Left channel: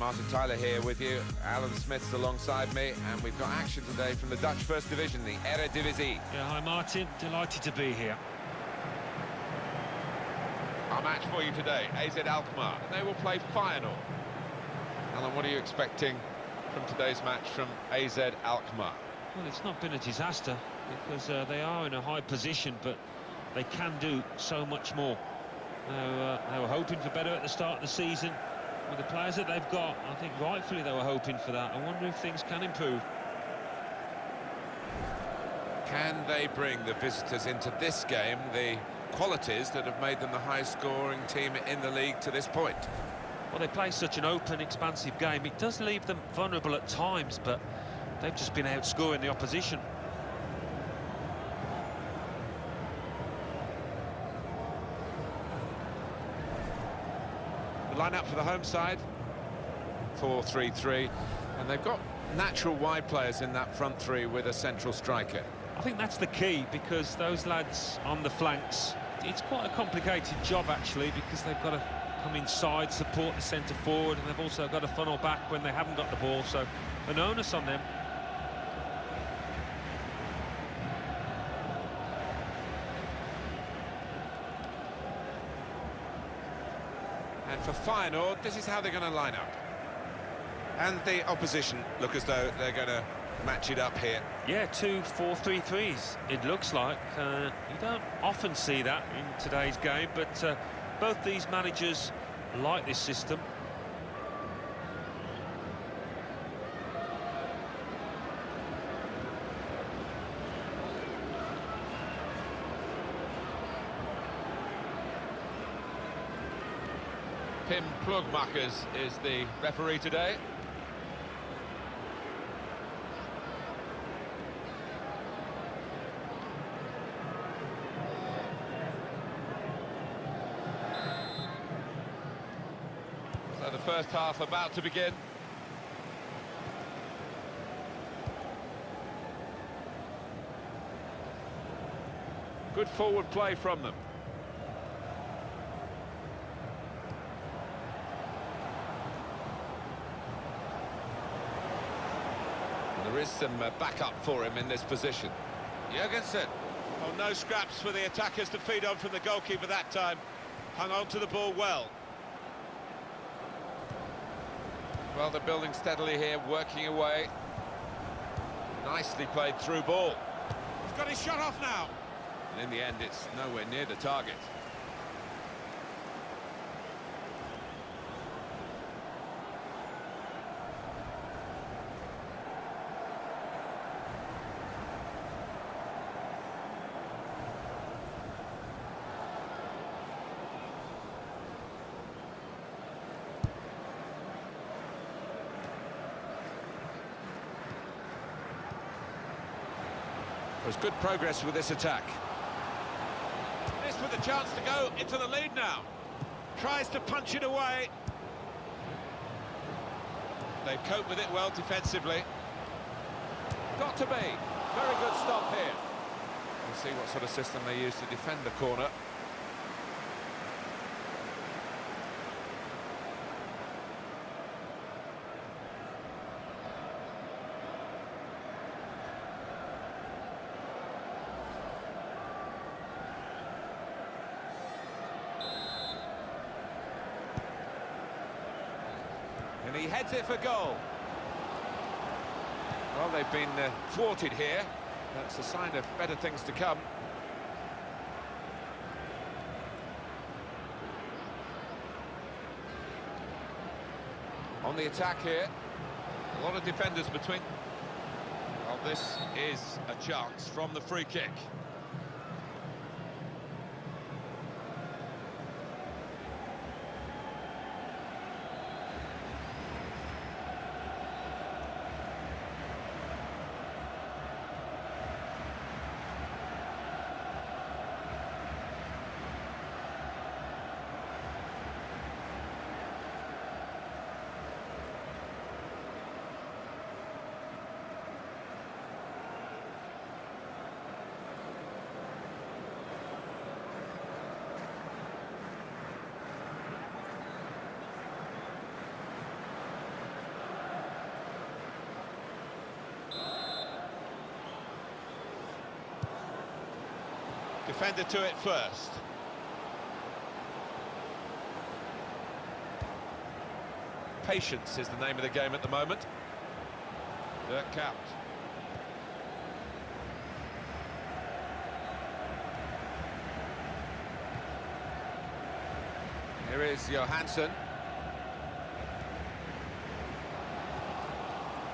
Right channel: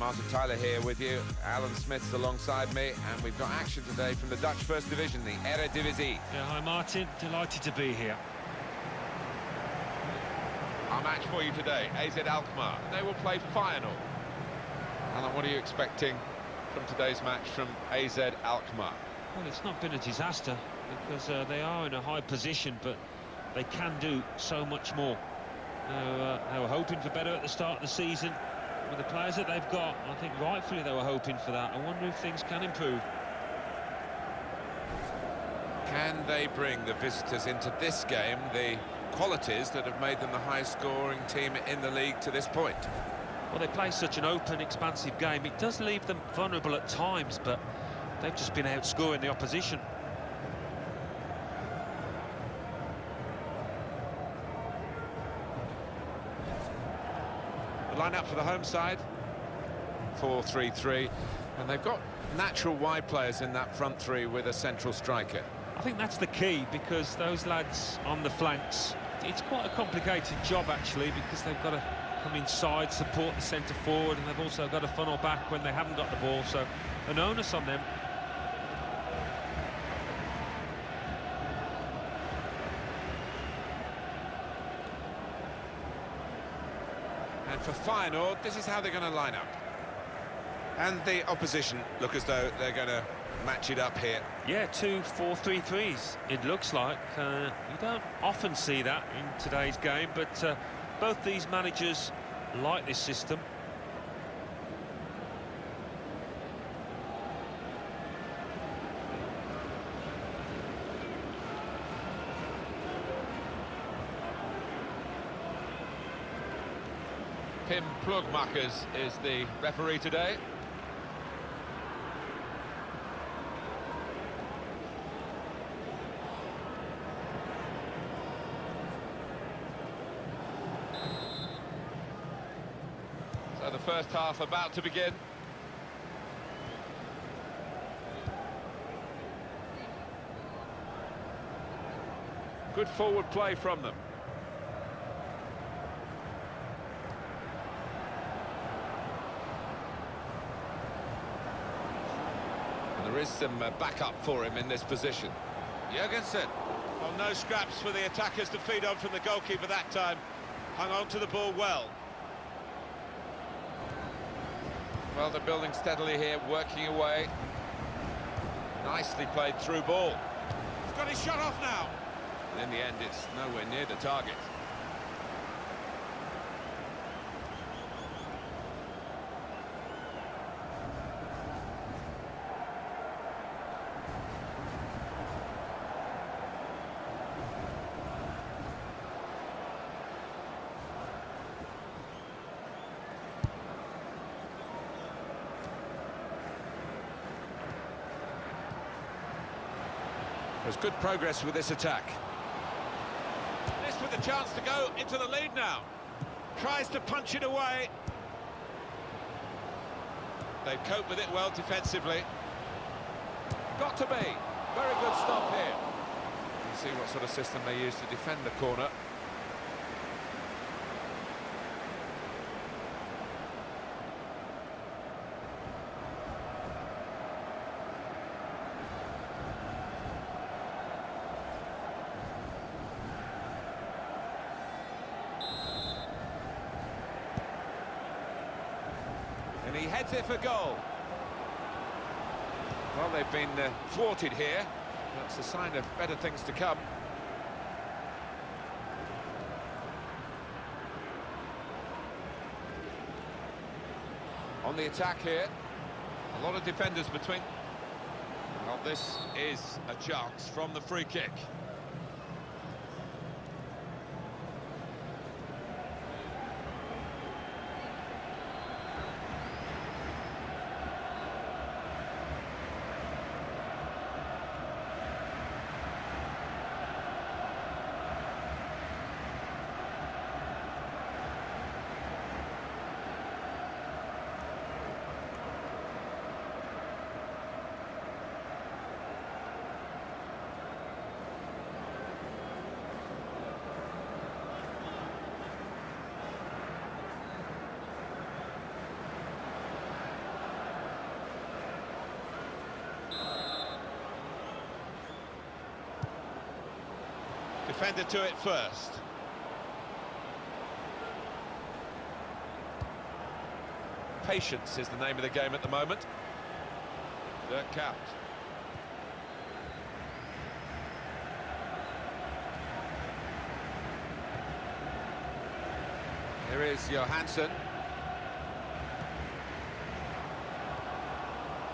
Martin Tyler here with you. Alan Smith's alongside me, and we've got action today from the Dutch First Division, the Eredivisie. Yeah, hi Martin, delighted to be here. Our match for you today, AZ Alkmaar, and they will play Feyenoord. Alan, what are you expecting from today's match from AZ Alkmaar? Well, it's not been a disaster, because they are in a high position, but they can do so much more. They were hoping for better at the start of the season. With the players that they've got, I think rightfully they were hoping for that. I wonder if things can improve. Can they bring the visitors into this game the qualities that have made them the highest scoring team in the league to this point? Well, they play such an open, expansive game. It does leave them vulnerable at times, but they've just been outscoring the opposition. The line-up for the home side, 4-3-3, and they've got natural wide players in that front three with a central striker. I think that's the key, because those lads on the flanks, it's quite a complicated job actually, because they've got to come inside, support the centre forward, and they've also got to funnel back when they haven't got the ball, so an onus on them. And for Feyenoord, this is how they're going to line up. And the opposition look as though they're going to match it up here. Yeah, 2 4-3-3s, it looks like. You don't often see that in today's game, but both these managers like this system. Pim Plugmakers is the referee today. So the first half about to begin. Good forward play from them. And there is some backup for him in this position. Jurgensen. Well, no scraps for the attackers to feed on from the goalkeeper that time. Hung on to the ball well. Well, they're building steadily here, working away. Nicely played through ball. He's got his shot off now. And in the end, it's nowhere near the target. There's good progress with this attack. This with a chance to go into the lead now. Tries to punch it away. They've coped with it well defensively. Got to be. Very good stop here. We'll see what sort of system they use to defend the corner. And he heads it for goal. Well, they've been thwarted here. That's a sign of better things to come. On the attack here. A lot of defenders between. Well, this is a chance from the free kick. defender to it first. Patience is the name of the game at the moment. Dirk Kuyt. Here is Johansson.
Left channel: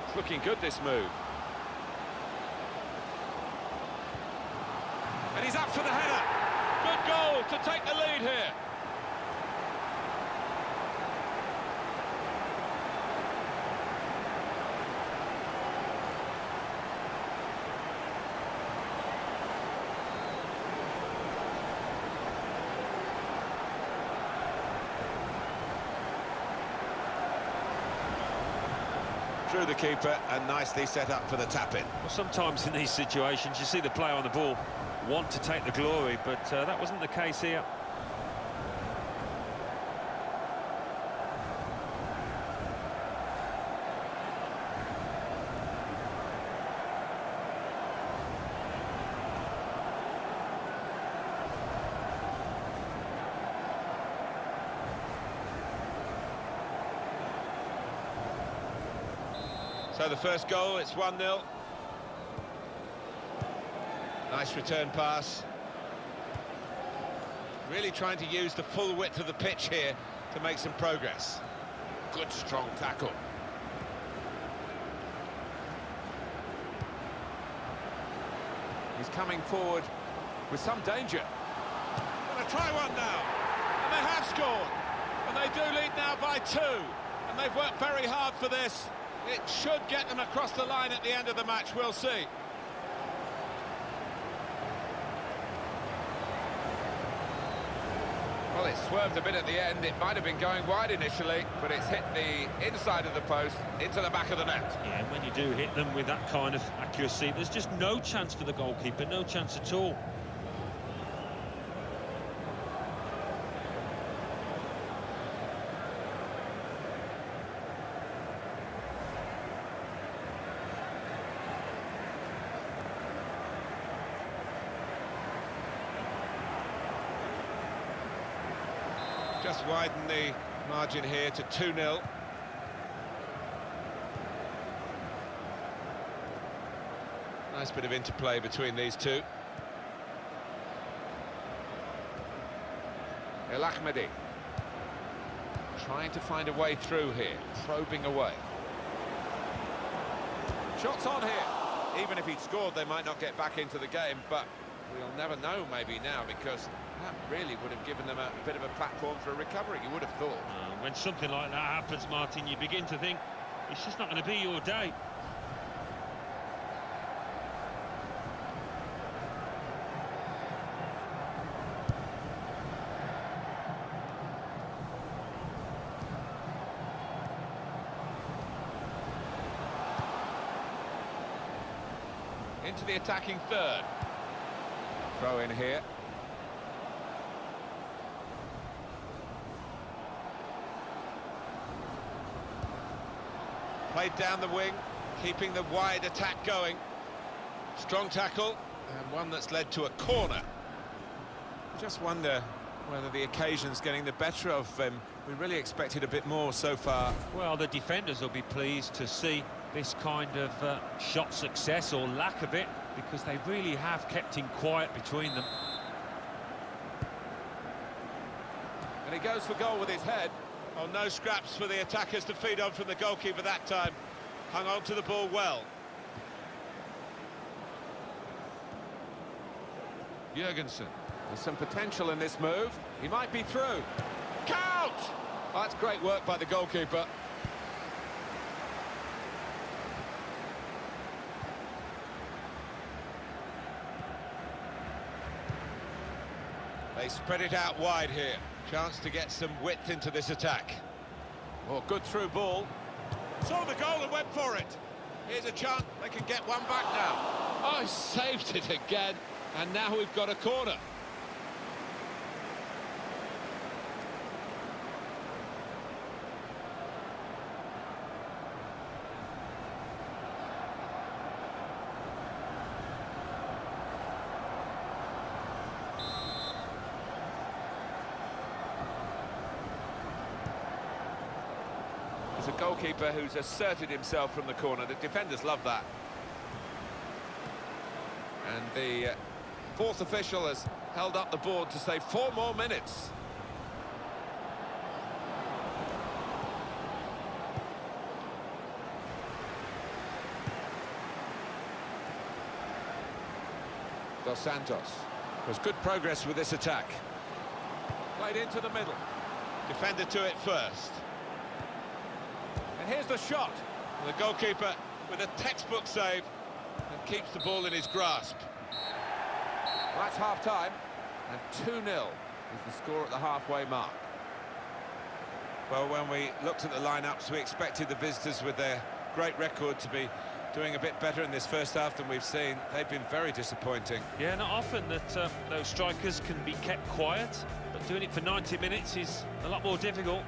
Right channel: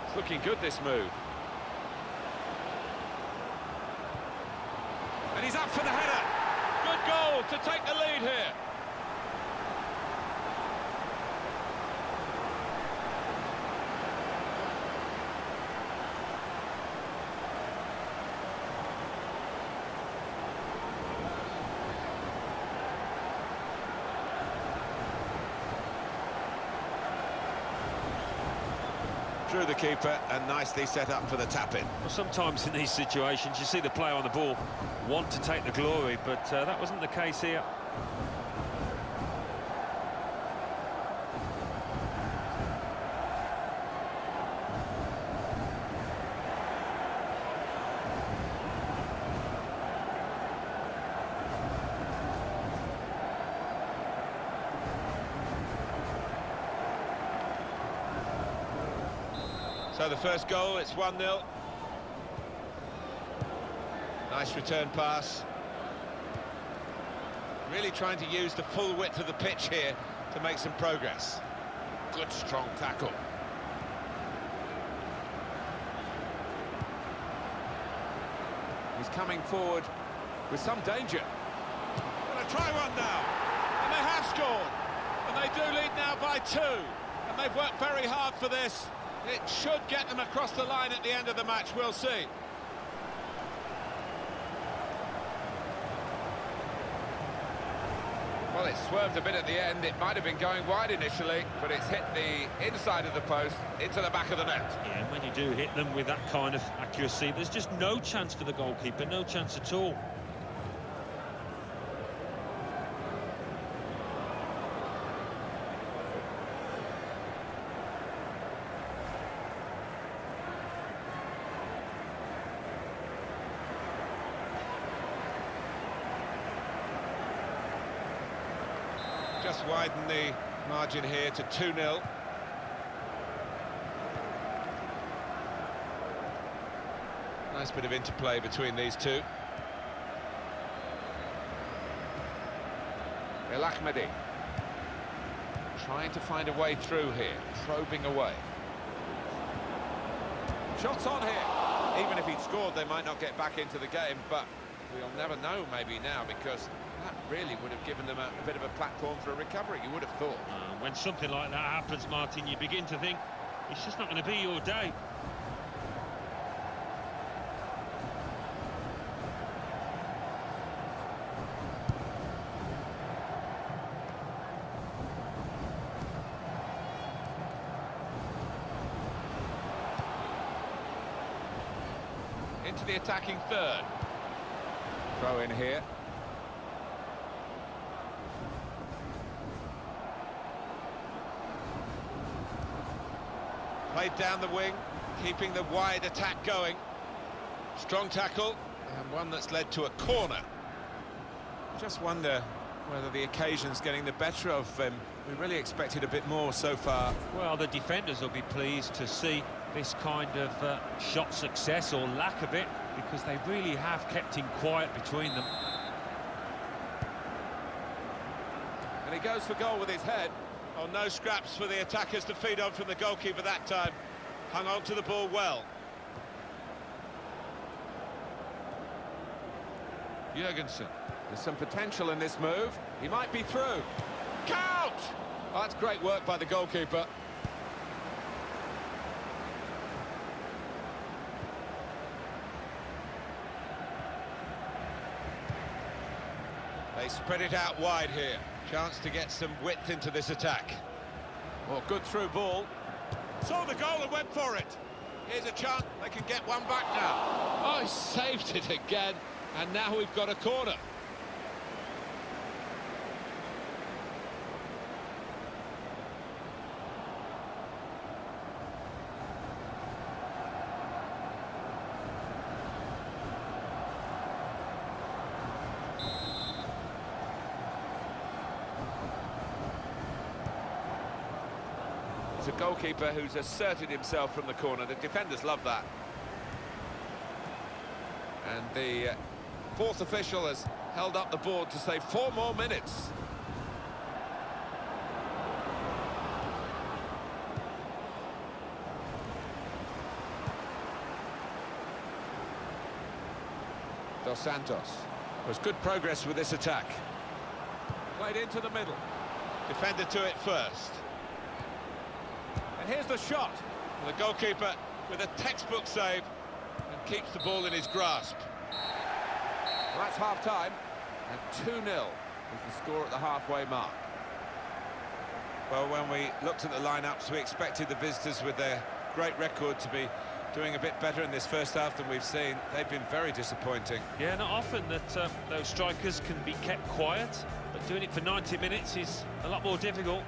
It's looking good, this move. And he's up for the header. Good goal to take the lead here. Through the keeper and nicely set up for the tap-in. Well, sometimes in these situations you see the player on the ball want to take the glory, but that wasn't the case here. So the first goal, it's 1-0. Nice return pass. Really trying to use the full width of the pitch here to make some progress. Good strong tackle. He's coming forward with some danger. Gonna try one now. And they have scored. And they do lead now by 2. And they've worked very hard for this. It should get them across the line at the end of the match, we'll see. Well, it swerved a bit at the end. It might have been going wide initially, but it's hit the inside of the post into the back of the net. Yeah, and when you do hit them with that kind of accuracy, there's just no chance for the goalkeeper, no chance at all. Just widen the margin here to 2-0. Nice bit of interplay between these two. Alkmaar trying to find a way through here, probing away. Shots on here. Even if he'd scored, they might not get back into the game, but we'll never know maybe now, because that really would have given them a bit of a platform for a recovery, you would have thought. When something like that happens, Martin, you begin to think it's just not going to be your day. Into the attacking third. Throw in here. Played down the wing, keeping the wide attack going. Strong tackle, and one that's led to a corner. I just wonder whether the occasion's getting the better of him. We really expected a bit more so far. Well, the defenders will be pleased to see this kind of shot success, or lack of it, because they really have kept him quiet between them. And he goes for goal with his head. Oh, no scraps for the attackers to feed on from the goalkeeper that time. Hung on to the ball well. Jurgensen. There's some potential in this move. He might be through. Count! Oh, that's great work by the goalkeeper. They spread it out wide here. Chance to get some width into this attack. Oh, good through ball. Saw the goal and went for it. Here's a chance. They can get one back now. Oh, he saved it again. And now we've got a corner. It's a goalkeeper who's asserted himself from the corner. The defenders love that. And the fourth official has held up the board to say 4 more minutes. Dos Santos. There's good progress with this attack. Played into the middle. Defender to it first. And here's the shot. And the goalkeeper with a textbook save and keeps the ball in his grasp. Well, that's half-time, and 2-0 is the score at the halfway mark. Well, when we looked at the lineups, we expected the visitors with their great record to be doing a bit better in this first half than we've seen. They've been very disappointing. Yeah, not often that those strikers can be kept quiet, but doing it for 90 minutes is a lot more difficult.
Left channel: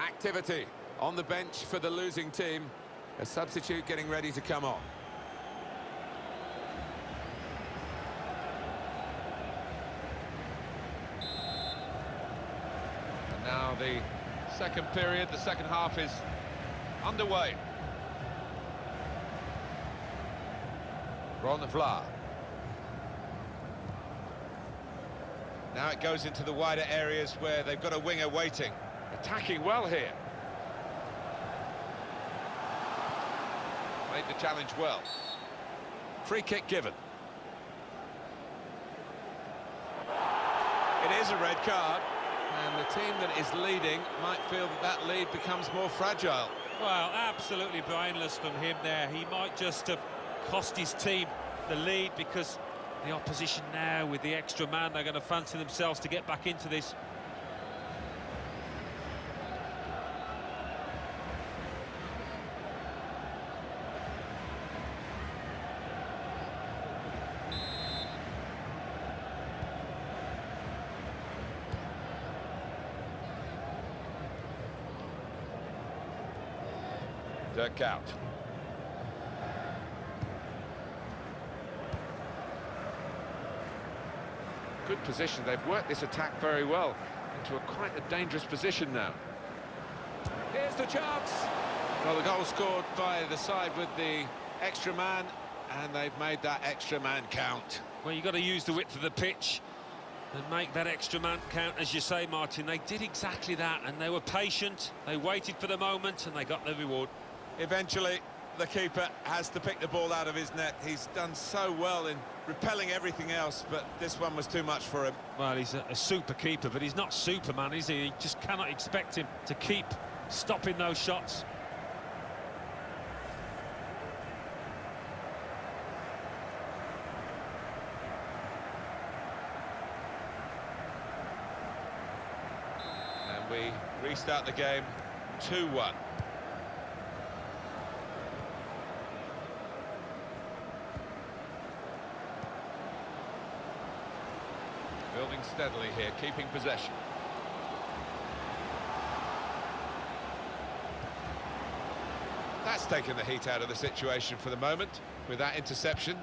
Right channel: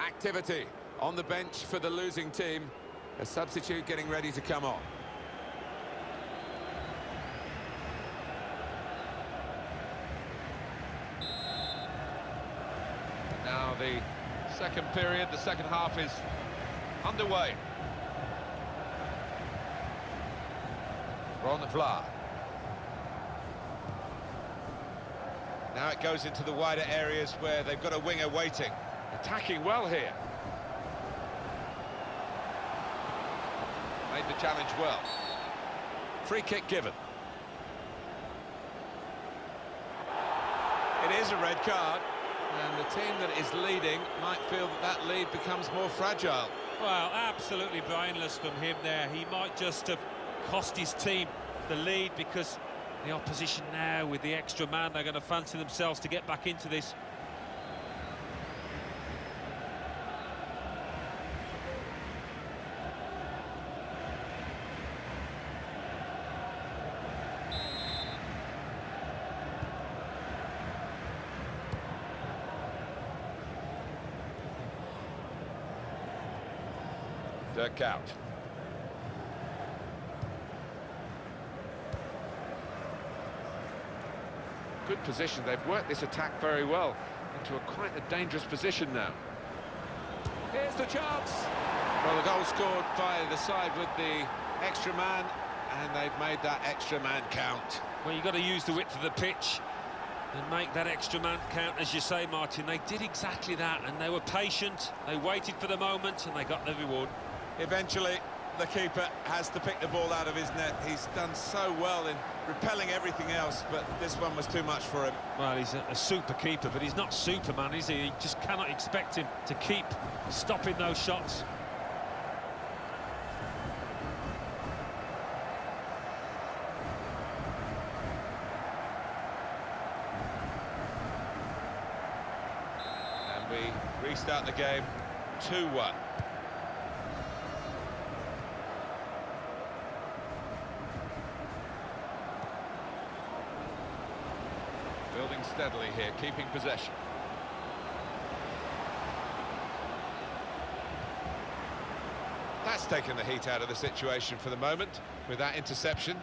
Activity on the bench for the losing team. A substitute getting ready to come on. And now the second period, the second half is underway. Ron Vla. Now it goes into the wider areas where they've got a winger waiting. Attacking well here. Made the challenge well. Free kick given. It is a red card, and the team that is leading might feel that that lead becomes more fragile. Well, absolutely brainless from him there. He might just have cost his team the lead, because the opposition now, with the extra man, they're going to fancy themselves to get back into this. Dirk out. Good position. They've worked this attack very well into quite a dangerous position now. Here's the chance. Well, the goal scored by the side with the extra man, and they've made that extra man count. Well, you've got to use the width of the pitch and make that extra man count, as you say, Martin. They did exactly that, and they were patient. They waited for the moment, and they got their reward. Eventually, the keeper has to pick the ball out of his net. He's done so well in repelling everything else, but this one was too much for him. Well, he's a super keeper, but he's not Superman, is he? You just cannot expect him to keep stopping those shots. And we restart the game 2-1. Building steadily here, keeping possession. That's taken the heat out of the situation for the moment with that interception.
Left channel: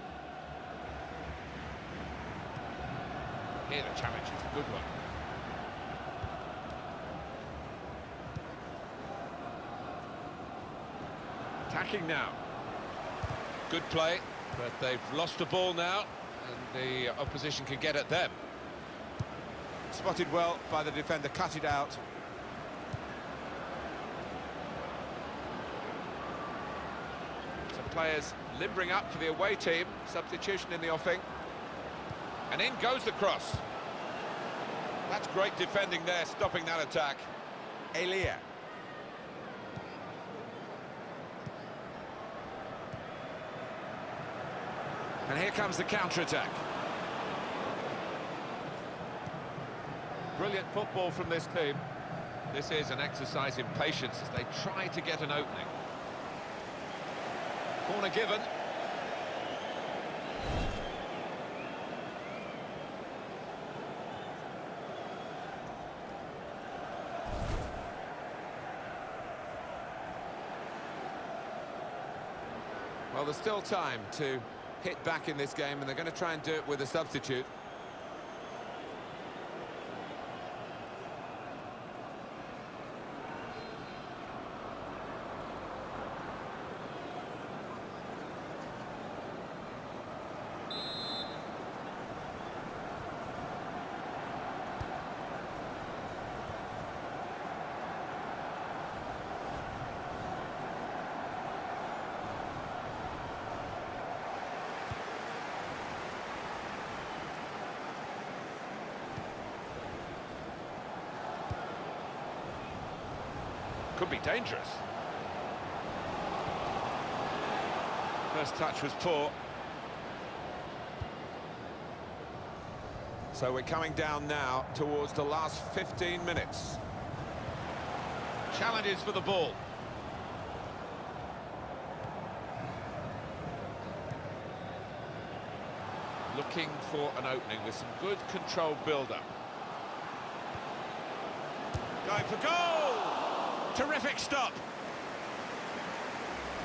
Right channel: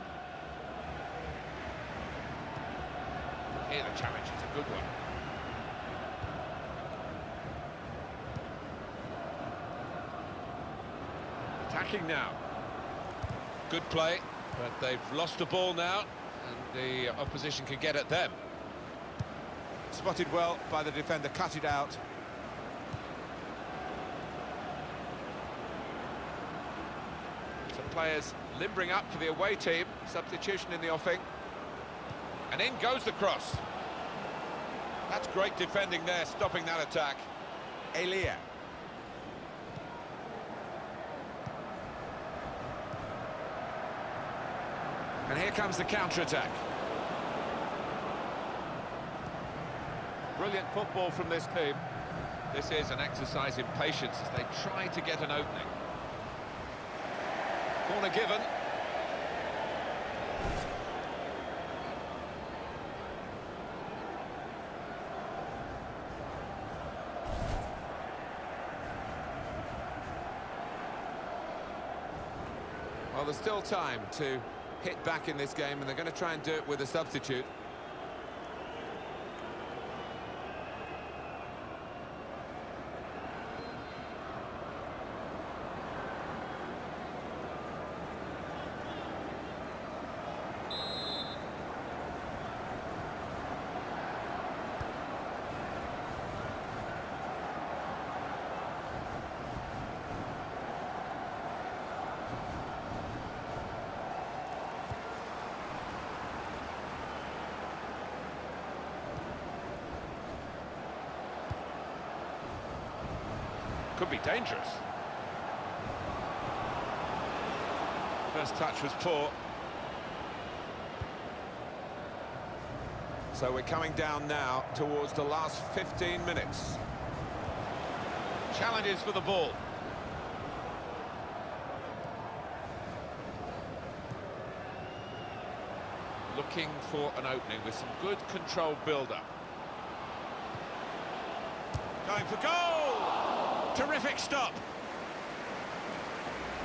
Here the challenge is a good one. Attacking now. Good play, but they've lost the ball now, and the opposition can get at them. Spotted well by the defender, cut it out. Some players limbering up for the away team. Substitution in the offing. And in goes the cross. That's great defending there, stopping that attack. Elia. And here comes the counter-attack. Brilliant football from this team. This is an exercise in patience as they try to get an opening. Corner given. Well, there's still time to hit back in this game, and they're going to try and do it with a substitute. Could be dangerous. First touch was poor. So we're coming down now towards the last 15 minutes. Challenges for the ball. Looking for an opening with some good controlled build-up. Going for goal! Terrific stop.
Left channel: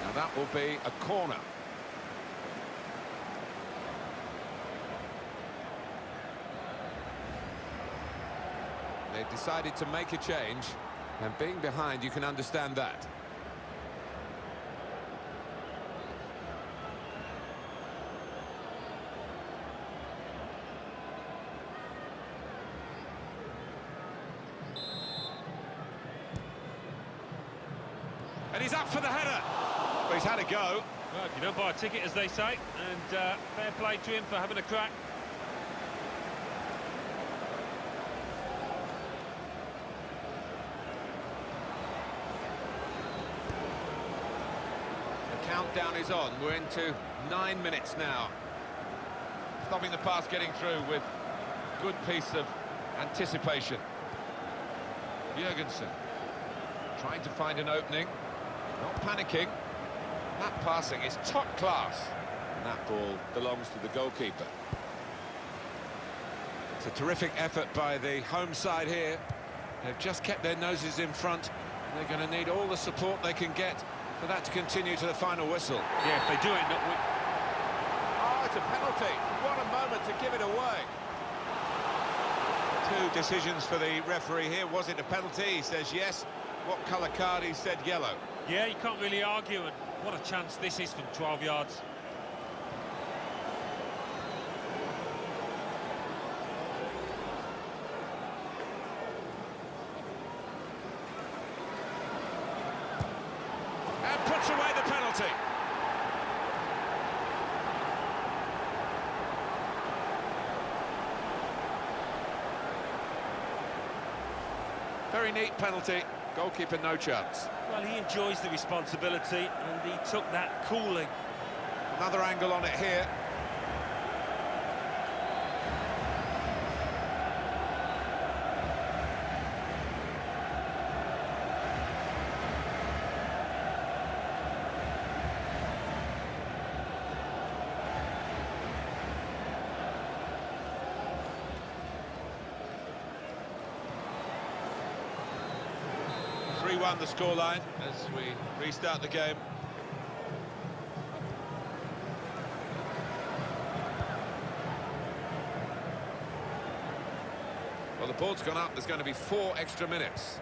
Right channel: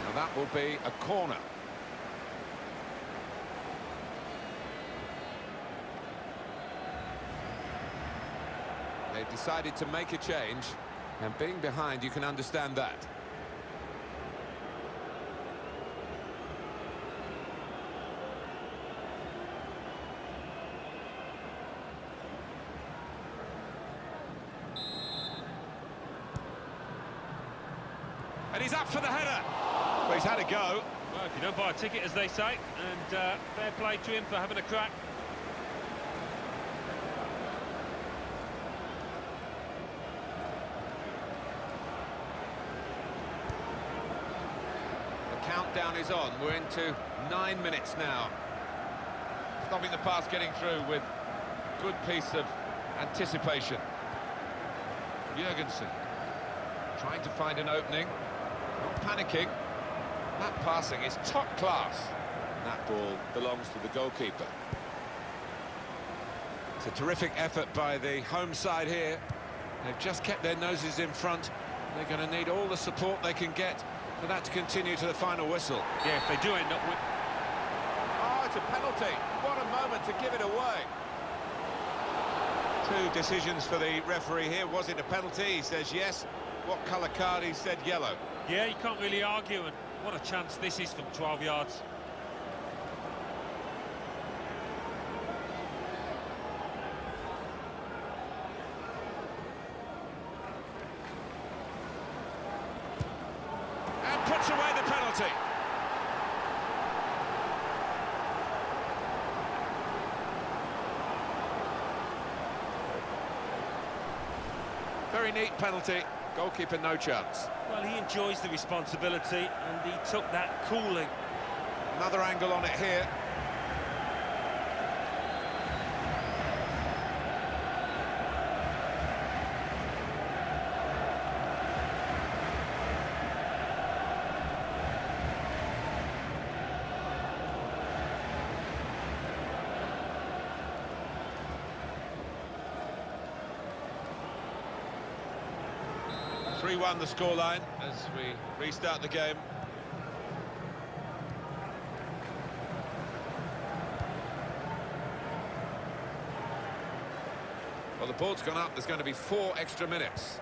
Now that will be a corner. They've decided to make a change, and being behind, you can understand that. And he's up for the header. Well, he's had a go. Well, if you don't buy a ticket, as they say, and fair play to him for having a crack. The countdown is on. We're into 9 minutes now. Stopping the pass getting through with good piece of anticipation. Jurgensen trying to find an opening. Not panicking. That passing is top class. And that ball belongs to the goalkeeper. It's a terrific effort by the home side here. They've just kept their noses in front. They're going to need all the support they can get for that to continue to the final whistle. Yeah, if they do end up with... Oh, it's a penalty. What a moment to give it away. Two decisions for the referee here. Was it a penalty? He says yes. What colour card? He said yellow. Yeah, you can't really argue, and what a chance this is from 12 yards. And puts away the penalty. Very neat penalty. Goalkeeper no chance. Well, he enjoys the responsibility, and he took that coolly. Another angle on it here. Three-1 the scoreline as we restart the game. Well, the ball's gone up. There's going to be 4 extra minutes.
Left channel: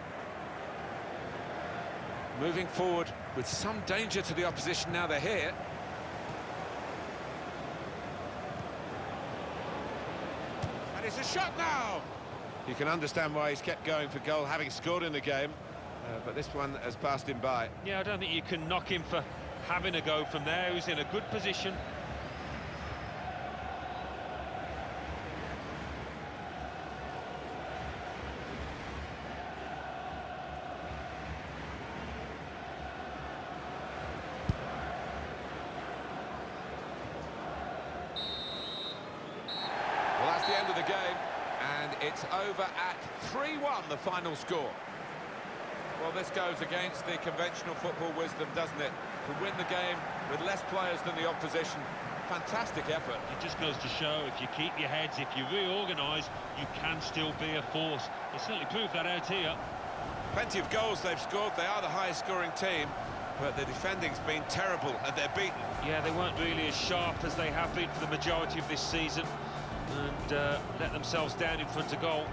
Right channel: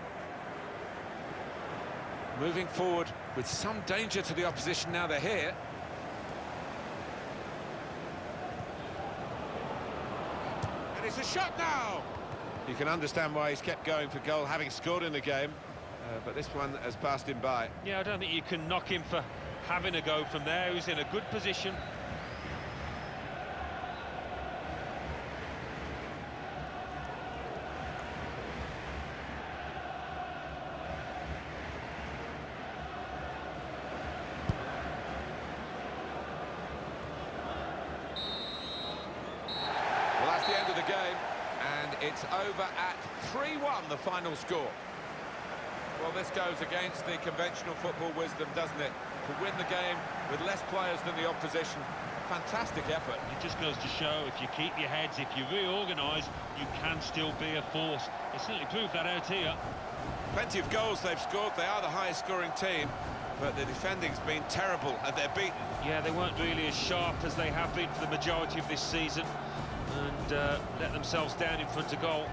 Moving forward with some danger to the opposition now they're here. And it's a shot now! You can understand why he's kept going for goal, having scored in the game. But this one has passed him by. Yeah, I don't think you can knock him for having a go from there. He's in a good position. Well, that's the end of the game, and it's over at 3-1, the final score. Well, this goes against the conventional football wisdom, doesn't it? To win the game with less players than the opposition. Fantastic effort. It just goes to show, if you keep your heads, if you reorganise, you can still be a force. They certainly proved that out here. Plenty of goals they've scored. They are the highest scoring team. But the defending's been terrible, and they're beaten. Yeah, they weren't really as sharp as they have been for the majority of this season, and let themselves down in front of goal.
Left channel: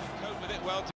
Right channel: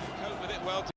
They cope with it well.